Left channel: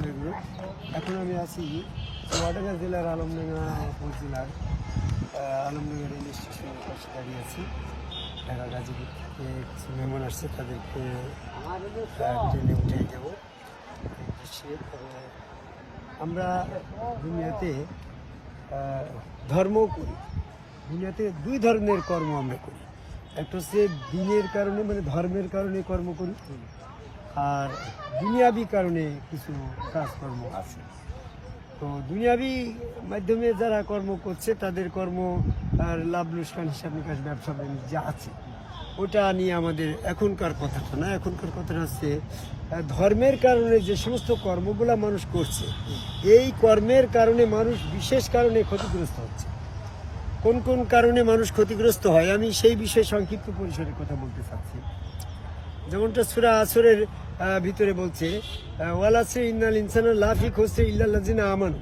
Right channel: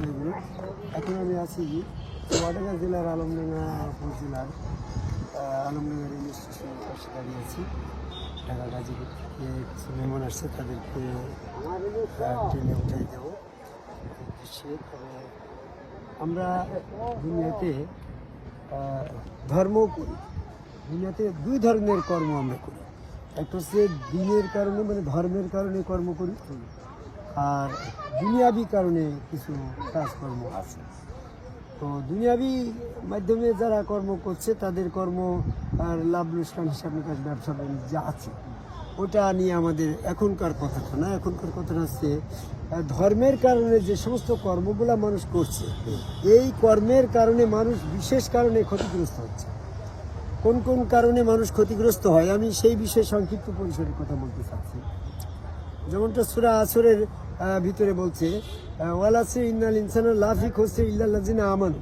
এখন আমি আছি চুয়াডাঙ্গা জেলার আলমডাঙ্গা আহ, আলমডাঙ্গা রেল স্টেশনের পাশে দাঁড়িয়ে আছি। ঢাকা গাজীপুর থেকে কিছু মেহমান আসছে তাদেরকে ট্রেনে উঠে দেব। আমরা দুনিয়াতে ধর্ম করি। দুনিয়াতে দুই ধরনের কর্ম আমরা করি। একটা হচ্ছে দিনের কারণে মানে ধর্মের কারণে কর্ম করি। আর দুনিয়াবি কারণে কিছু কাজকর্ম আছে। তো দুনিয়াবি মাধ্যমে যারা কর্ম করছে, তাদের কর্ম আর লাভ লোকসান হিসাব নিকাশ, ব্যবসা বাণিজ্য আছে, ওটা নিয়ে আমাদের এখনকার কথাটা না। এখনকার কথাটা হচ্ছে ধর্মের কারণে যে সমস্ত কর্মগুলা মানুষ করছে, এই কর্মের কারণে মানুষ বিশেষ কারণে ক্ষতিগ্রস্ত হচ্ছে। কোন কোন কারণে মানুষ ক্ষতিগ্রস্ত হয়, আমি সেই বিষয়ে সংক্ষিপ্ত পরিসরে কথা বলতে চাচ্ছি। যেমনটা সুরা আসরের ভিতরে বলছে ওয়ালাসে ইন্নাল ইনসানা লাফিক হচ্ছে ইল্লাল্লাজিনা আমানু।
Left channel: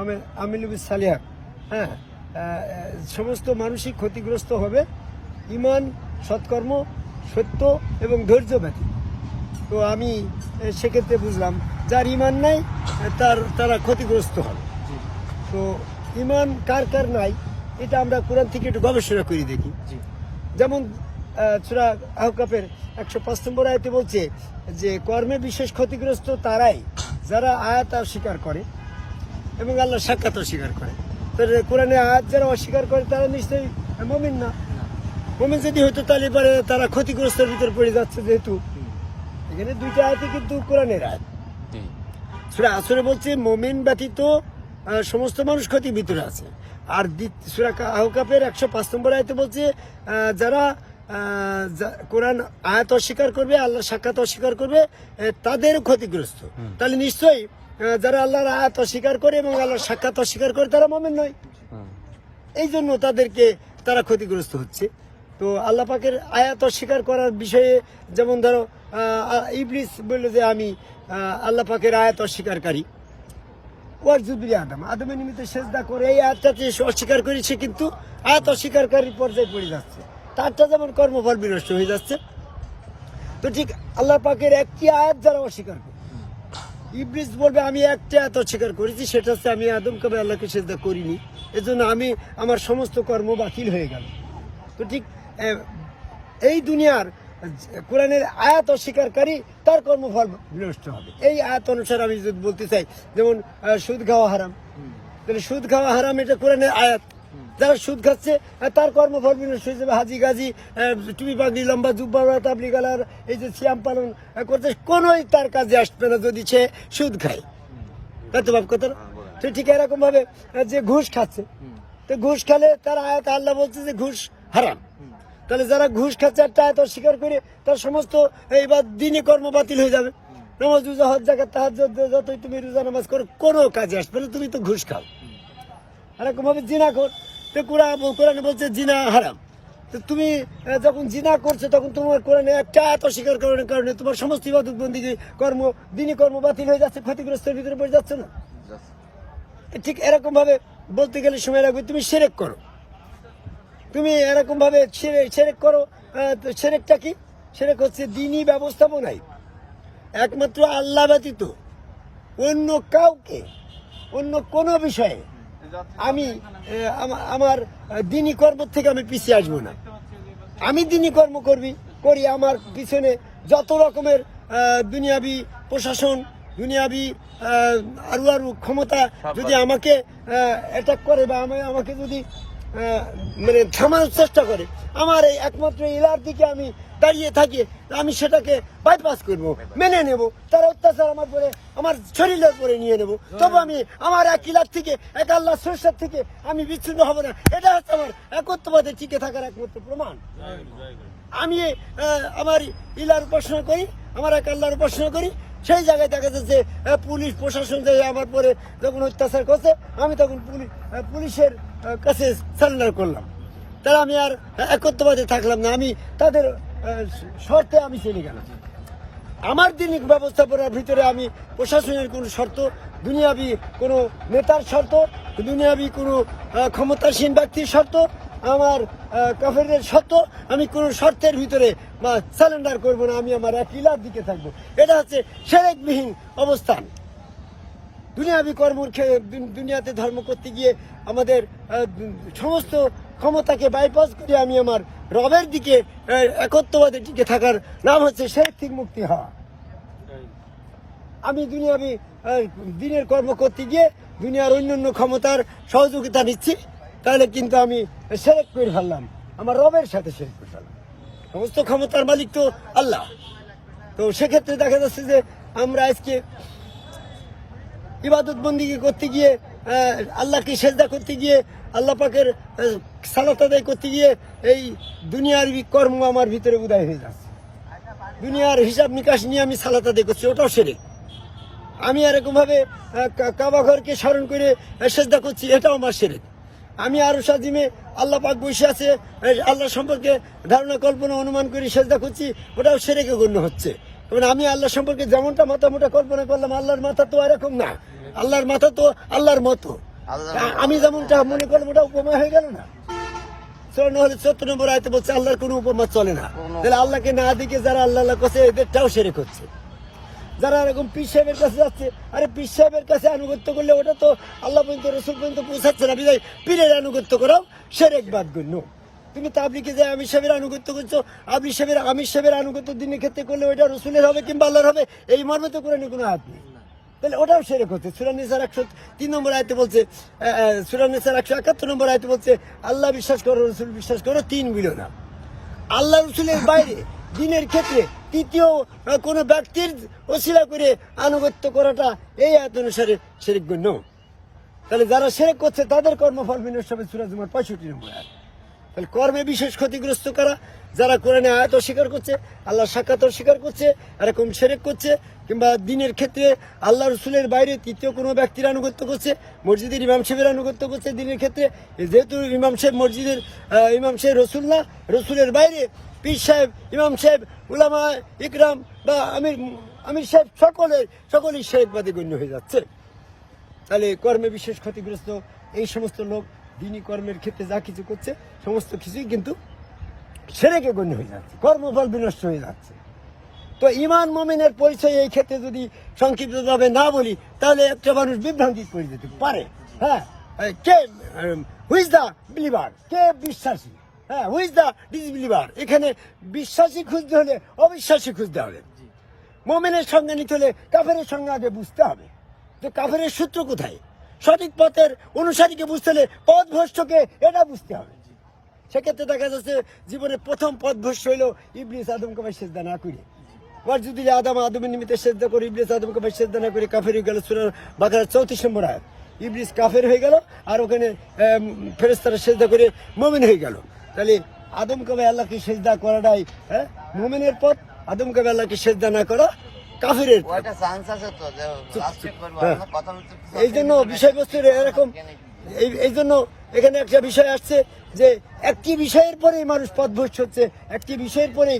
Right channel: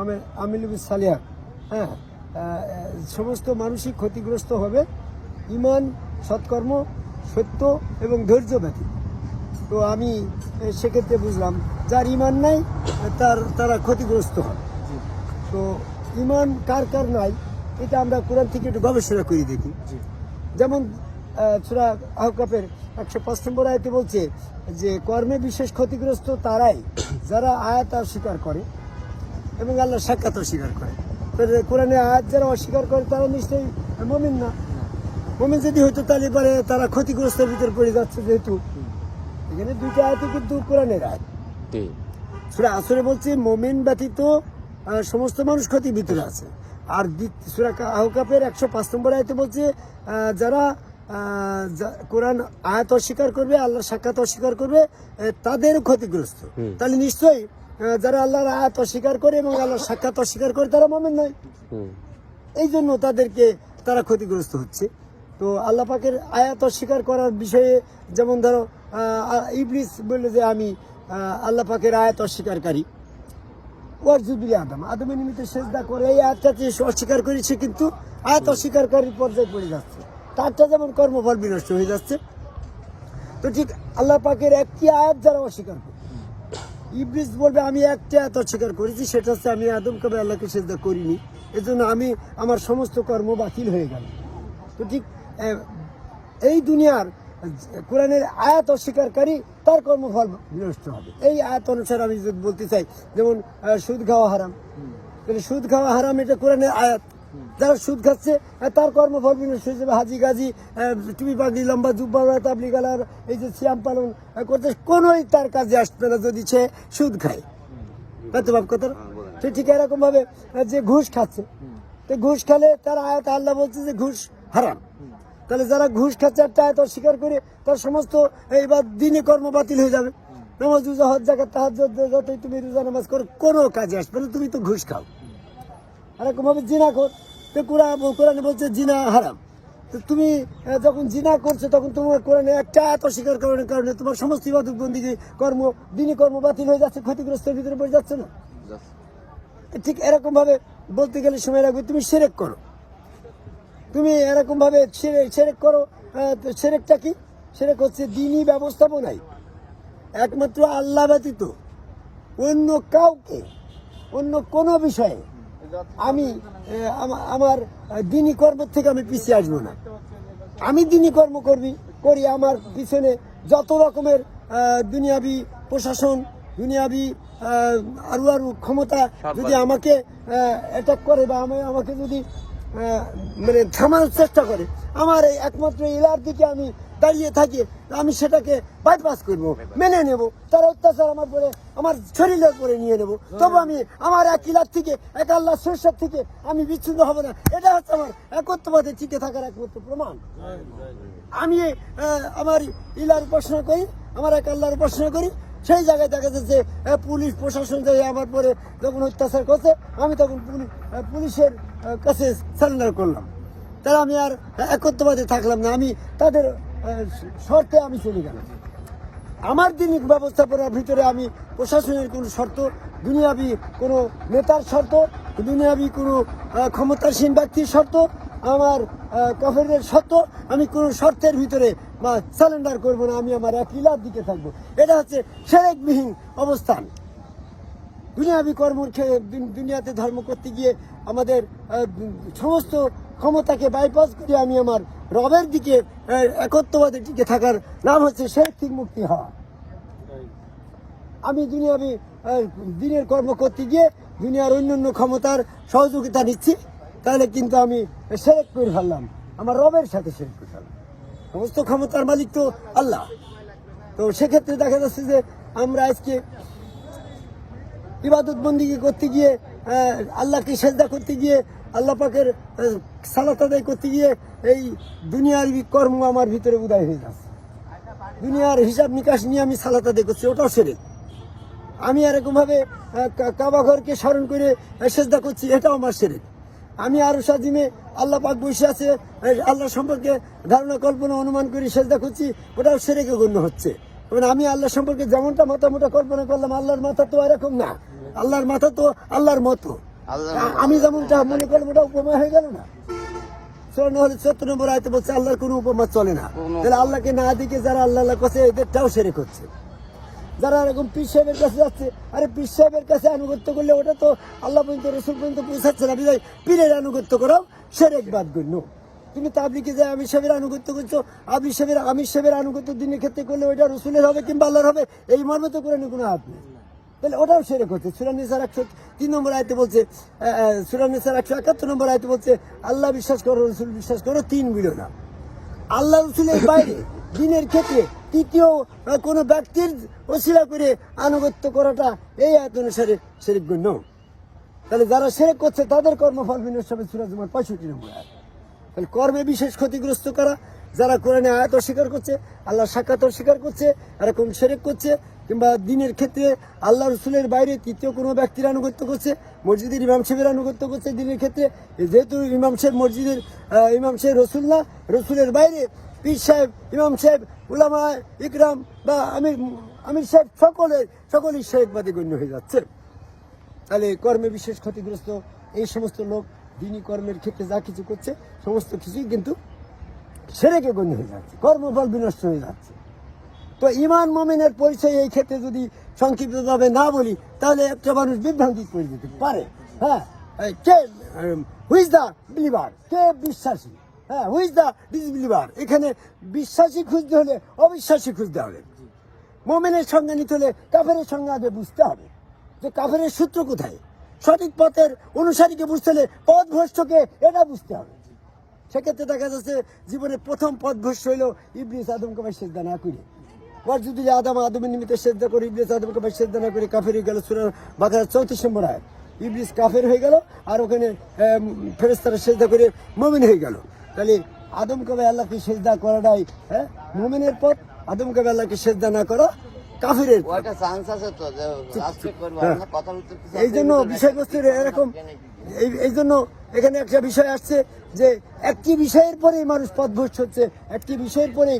আমেল আমিলুবিস সালিহা হ্যাঁ সমস্ত মানুষই ক্ষতিগ্রস্ত হবে। ইমান সৎকর্ম সত্য এবং ধৈর্য ব্যতীত। তো আমি সেক্ষেত্রে বুঝলাম যার ইমান নাই তার তারা ক্ষতিগ্রস্ত হবে। তো ইমান কার কার নাই এটা আমরা কোরআন থেকে একটু গবেষণা করে দেখি। যেমন সুরা আহকাপের একশো পাঁচ নম্বর আয়তে বলছে যে কর্মে বিশেষ ক্ষতিগ্রস্ত তারাই যারা আয়াত অস্বীকার করে এবং আল্লাহ সাক্ষাৎ অস্বীকার করে। কোরআনে আয়াত যারা অস্বীকার করে তারা নিশ্চয়ই মমিন না। মমিন যদি হয়তো তাহলে পরে তারা ক্ষতিগ্রস্তের ভিতর পড়ে যাচ্ছে যেহেতু। এখানে দুইটা আয়াতে কিন্তু কোরআনের আয়াত। সুরা আসরে বলছে মোমেন ব্যতীত সমস্ত মানুষ ক্ষতির ভিতরে আছে। আর সুরা আহকাপের একশো পাঁচ নম্বর আয়তে বলছে যারা কোরআন আয়াত অস্বীকার করবে আল্লাহর সাক্ষাৎ অস্বীকার করবে তাদের ক্ষতিগ্রস্ত। তাহলে নিশ্চয়ই যারা আল্লাহর আয়াত অস্বীকার করে এবং আল্লাহর সাক্ষাৎ অস্বীকার করে তারা মোমেন নয়। এই জন্য তাদেরকে তারা ক্ষতিগ্রস্ত হচ্ছে। তো আল্লাহ পাকের আয়াত অস্বীকার করার বিষয়ে যেমন ধরো ইবলিস বলল যে আমি আল্লাহ পাকের আয়াত অস্বীকারী ওয়ারজুবিল আদম। আদমের নিমিত্তে সেজদা করে এই আয়াতটাকে সে অস্বীকার করেছে কিন্তু আয়াত অস্বীকারী পর্যায়ে পড়ে যাচ্ছে। তারটা যেমন কর্মফল বিনষ্ট হয়ে যাচ্ছে, তো ঠিক আল্লাহ পাকের একটি আয়াত যারা অস্বীকার করে। ইবলিস বলবে, আমি একটা এত অস্বীকার করেছি, সেটা হচ্ছে আমি আদম কবে আল্লাহকে সেজদা করিনি, এজন্য আমি আমার সমস্ত কর্ম বাতিল হয়ে গেল। তো ঠিক এই দুনিয়ার কোরআনের আয়াত অস্বীকারী তার কর্মফল বিনষ্ট হবে। এই আয়াত অনুসারে আমি যদি বলতে চাই, যেমন সুদ খাওয়া হারাম। তাহলে সুদ খাওয়া হারাম, এটা কোরআনের আয়াত। যারা সুদ খাচ্ছে তার কর্মফল বিনষ্ট যাবে হাজি গাজি টুপি পাগড়ি, লম্বা জুব্বা তাবলি গালার এই যে সিয়াম পালন করতে কোনোই তার কাজে আসবে না যদি সে সুদ খায়। তাই তো কথা? তো ঠিক এরকম ভাবে যে ঘুষ খাচ্ছে, তো ঘুষ খেলে তার আয়াত আল্লাহ বলছে যে ঘুষ হারাম। তাহলে যারা ঘুষ খাচ্ছে একটা আয়াত অস্বীকার করে, তার সমস্ত, এইবার দিনে কর্ম বাতিল হয়ে যাবে। নামাজ, রোজা, হজ জায়গা তাহার যতই তুমি রোজা, নামাজ করো, কোনো কাজে আসবে না, তুমি তো ঘুষ খাও। এরকম ভাবে জিনা কর। তো কোরআন কোরআনে বলছে, জিনা হারাম। তো তুমি যখন জিনা করছ, তখন তোমার কোরআনে একটা এত স্বীকার করার কারণে তোমার সমস্ত ইবাদত বন্দী কর্ম, দিনই কর্ম বাতিল হয়ে যাচ্ছে, ক্ষতিগ্রস্তের ভিতরে পড়ে যাচ্ছে না। ঠিক এরকম ভাবে বলতে গেলে সময় লাগবে, তুমি সেরেক করো। তুমি এরকম ভাবে ছেড়ে সেরেক করো সেরেকটা কি? সেরেক হচ্ছে দিনই ব্যবস্থাপনায়। একমাত্র আল্লাহ ব্যতীত অন্য কাউকে, অন্য কোনো বিষয়ে আমি আমার দিনী কর্ম থেকে আমি পিছিয়ে আসব না। আমি দিনী কর্ম করবি করি আমার পিছনে যত রকমের দুনিয়াবি প্রশাসন দুনিয়াবি আরও আরু ক্ষমতা যদি আমাকে অ্যাটাক করে বা আমি আমাকে যদি মানে থামানোর চেষ্টা করে। আমার এই একমাত্র ইলার দিকে আমি দাঁড়িয়ে থাকি, আমি সেটাকে বাইপাস করব, মেনে নেব। তার অত্যাচার আমার পরে, আমার শরীরের পরে নিয়ে নেব। তবে আমি আমার এক ইলার থেকে, এক আল্লাহ সরষের থেকে আমি বিচ্ছিন্ন হব না। এটা হচ্ছে আমার একত্রবাদে টিকে থাকার একমাত্র প্রমাণ। আমি আমার ইলার উপাসনা করি, আমার এক আল্লাহর উপাসনা করি সেই জায়গায় দেখা যাচ্ছে পুলিশ, প্রশাসন যে আমার পরে যখন অত্যাচার করছে, আমি তখন পুলি- পুলিশের কাছে সারেন্ডার করলাম। তারা আমি আর একত্রবাদে থাকলাম না। আমি তাদের শর্তে আমি চলে গেলাম। আমার দিন ব্যবস্থাপনার ভিতরে আমি প্রশাসনের কোনো শর্ত, দুনিয়াবি কোনো নেতার শর্ত, দুনিয়াবি কোনো ক্ষমতাসীন ব্যক্তির শর্ত আমার কাফেরের শর্ত আমি কোনো শর্তের ভিতরে বা সারেন্ডার করব না আমি আমার এক ইলার দিকে থাকব। এটা হচ্ছে সেরেকবিহীন অবস্থান। দুনিয়াবি কর্ম দুনিয়াতে ধর্ম করতে গিয়ে আমাদের সমস্ত ক্ষমতাকে বাইপাস করে আমি আমার রবের দিকে আহ, একত্ববাদের দিকে থাকার নাম হচ্ছে শেখ থেকে মুক্তি হওয়া। আমি দুনিয়াবি দিনের কর্ম করতে গিয়ে দুনিয়ার অন্যান্য ক্ষমতার সহযোগিতা নিচ্ছি। তাহলে কিন্তু আমি সেরেক করে ফেললাম। আমার রবের সাথে সেরেক করে ফেললাম। সমস্ত ক্ষমতার মালিক তো আল্লাহ। তো সেক্ষেত্রে দেখা যাচ্ছে যে আমরা আজকে ইবাদত বন্দিকে করতে গিয়ে আল্লাহকে সেজদা করতে গিয়ে, আল্লাহ পাকের সালাত আদায় করতে গিয়ে এই দুনিয়ার কর্ম আমার ভিতরে উদয় হয়ে যাচ্ছে। দুনিয়ার হিসাব নিকাশ নিয়ে আমি সালাত আদায় করছি, ওটাও সেরে। আমি এরকম ভাবে কাবা ঘরকে স্মরণ করে সেজদা করছি, এটাও আমার সেরে। আমি আরও সাজিমে আল্লাহ পাক বসে আছে আল্লাহ সম্পর্কে ধারণা কল্পনা অনুমান করে সেজদা করছি ওটাও সেরেকে গণ্য হচ্ছে। কারণ আমি আল্লাহ সম্পর্কে যেমনটা মাথা মোটা কল্পনা করলাম আল্লাহর মাথা তো এরকম না। আল্লাহর মাথা তো আল্লাহর মতো। আমি যেমনটা মনে করলাম ওটা উপমা হয়ে গেল না। চুয়ান্ন হলে চোদ্দ নম্বর আয়তে বলছে আল্লাহর কোনো উপমা চলে না। তাহলে আল্লাহকে না দিকে যারা আল্লাহ আল্লাহ করছে এদেরটাও সেরে করছে। যারা এরকম পীর সাহেবের কাছে যাচ্ছে, আরে পীর সাহেবের কাছে আনুগত্য করলে ওটা তো আল্লাহ পর্যন্ত, রসুল পর্যন্ত পৌঁছাচ্ছে না। বিদায়, পীরের আনুগত্য করাও সেরেক বাদ গণ্য। তুমি তাবলিকে যে আমির সাহেবের আনুগত্য করছ, আমির সাহেবের আমির সাহেবের আনুগত্য দিনের ক্ষেত্রে করলে ওইটা রসুলের হবে কিংবা আল্লাহর হবে, এই মর্মে তো করে কোনো হাত নেই। তাহলে ওটাও সেরে করছে সুরানিসার একশো তিন নম্বর আয়তে বলছে সুরানিসার একশো একাত্তর নম্বর আয়তে বলছে, আল্লাহ বিশ্বাস করো, রসুল বিশ্বাস করো, তিন মিলো না আল্লাহ রসুলের বাইরে দিনের ক্ষেত্রে তৃতীয় কোনো ব্যক্তির ওসিলা করে আনুগত্য করাটা এই আয়াত অনুসারে সেরেক গণ্য তাহলে যারা সেরেক করছে, তাদের কর্মফল বিনষ্ট হবে সুরাজ পঁয়ষট্টি নম্বর আয়াত। তাহলে কর্মে বিশেষ ক্ষতিগ্রস্ত করা যারা কোরআনে আয়াত অস্বীকার করছে, আল্লাহ সাক্ষাৎ অস্বীকার করছে, এরকম সেরেক করছে, কিংবা দিনের ক্ষেত্রে আল্লাহ রসুলের বাইরে তৃতীয় কোনো ব্যক্তির আনুগত্য করছে, মসজিদের ইমাম সাহেবের আনুগত্য করছে দিনের ক্ষেত্রে, যেহেতু ইমাম সাহেব মসজিদের ইমাম সাহেব রসুল্লাহ রসুলের বাইরে পীর সাহেব, ইমাম সাহেব, উলামা ইকরাম বা আমির আমির সাহেব সকলের সকলেই শেরেকবাদী গণ্য হয়ে যাচ্ছে। তাহলে কর্মে বিশেষ ক্ষতিগ্রস্ত এই সমস্ত লোক দিনী কর্মের ক্ষেত্রে যা কিছু করছে, সমস্ত কিছুই কিন্তু সেরেকে গণ্য হয়ে যাচ্ছে, কর্মফল বিনষ্ট হয়ে যাচ্ছে। তো ইমান মোমেনের পরিচয় এই ক্ষেত্রে যদি সংক্ষিপ্তভাবে না বলি, তাহলে একটা মানুষ বিভ্রান্তি করে যেতে পারে। হ্যাঁ কে হুইজ দ্য বিলিভার কে বিশ্বাসী? হ্যাঁ হুইজ দ্য ডিসবিলিভার এখানে বিশ্বাসী খুঁজতে হলে অবিশ্বাসী খুঁজতে হবে। মোমেনের সঙ্গে নিতে হলে কাফেরের সঙ্গে আগে বুঝতে হবে যে কাফেরের সূত্র কোথায়। সঠিক পথের অনুসারীকে বুঝতে হলে পথ ভ্রষ্টকে এটা বুঝতে হবে। সেক্ষেত্রে দেখা যাচ্ছে জীবনে প্রথম পথ ভ্রষ্ট হইল ইবলিস আদমকে ভাই সেজদা না করে। ওর যদি আদম আদমের নিমিত্তে সেজদা করে ইবলিস আদমকে ভাই সেজদা না করে কাফের হয়ে গেল সুরার বাকার চৌত্রিশ নম্বর আয়াত। ইবলিস কাফের হয়ে গেল আর ওখানে ফেরেস্তারা সেজদা করে মমিন হয়ে গেল। তাহলে আদম কবে আল্লাহকে সেজদা করাটাই হ্যাঁ? মুমিনের পথ আদম কবে আল্লাহকে সেজদা না করা কাফিরের হ্যাঁ। এই জন্য বিষয়বস্তুর এরকম এই জন্য এখানে একটা বিষয় আসছে যে একটি বিষয়ের পরেই মানুষ পথভ্রষ্ট হচ্ছে একটি বিষয়ের পরেই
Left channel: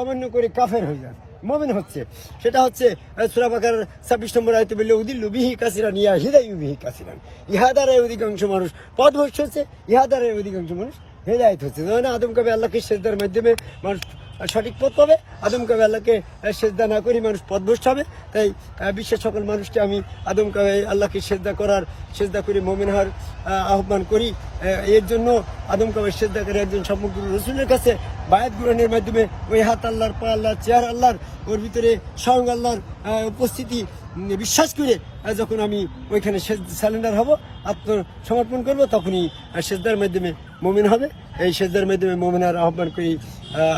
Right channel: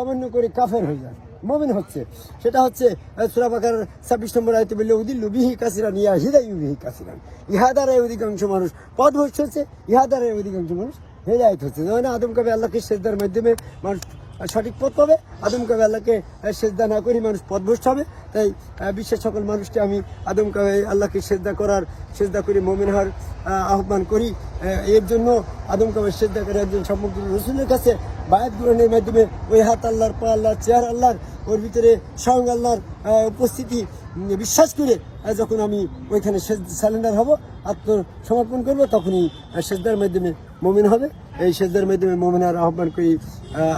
অমান্য করে কাফের হয়ে যায় মমিন হচ্ছে। সেটা হচ্ছে সুরাবাকার ছাব্বিশ নম্বর আয়তে বললে উদিল্লু বিহি কাসিরান ইয়া হৃদয় বিহি কাসিরান। ইহা দ্বারাই অধিকাংশ মানুষ পথভ্রষ্ট হচ্ছে ইহা দ্বারাই অধিকাংশ মানুষ হেদায়ত হচ্ছে। যেমন আদম কবে আল্লাহকে সেজদার মাধ্যমে মানুষ সঠিক পথ পাবে? আদম কাবে আল্লাহকে সেজদা না করি মানুষ পথভ্রষ্ট হবে? তাই বিশ্বের সকল মানুষকে আমি আদম কাবে আল্লাহকে সেজদা করার, সেজদা করে মমিন হওয়ার আহ্বান করি। এর জন্য আদম কাবে করে একজন সমগ্র রসুলের কাছে বায়াত গ্রহণের মাধ্যমে ওই হাত আল্লাহর, পা আল্লাহর চেয়ার আল্লাহর, ওর ভিতরে স্বয়ং আল্লাহর উপস্থিতি বিশ্বাস করে যখন আমি ওইখানে স্যালেন্ডার হব, আত্মসমর্পণ করব, তখনই সেজদার মাধ্যমে মমিন হবে। এই সেজদার মাধ্যমে মমিনার আহ্বান করি।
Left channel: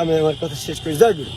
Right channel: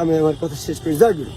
আমি আমার কথা শেষ করি। জয় গুরু।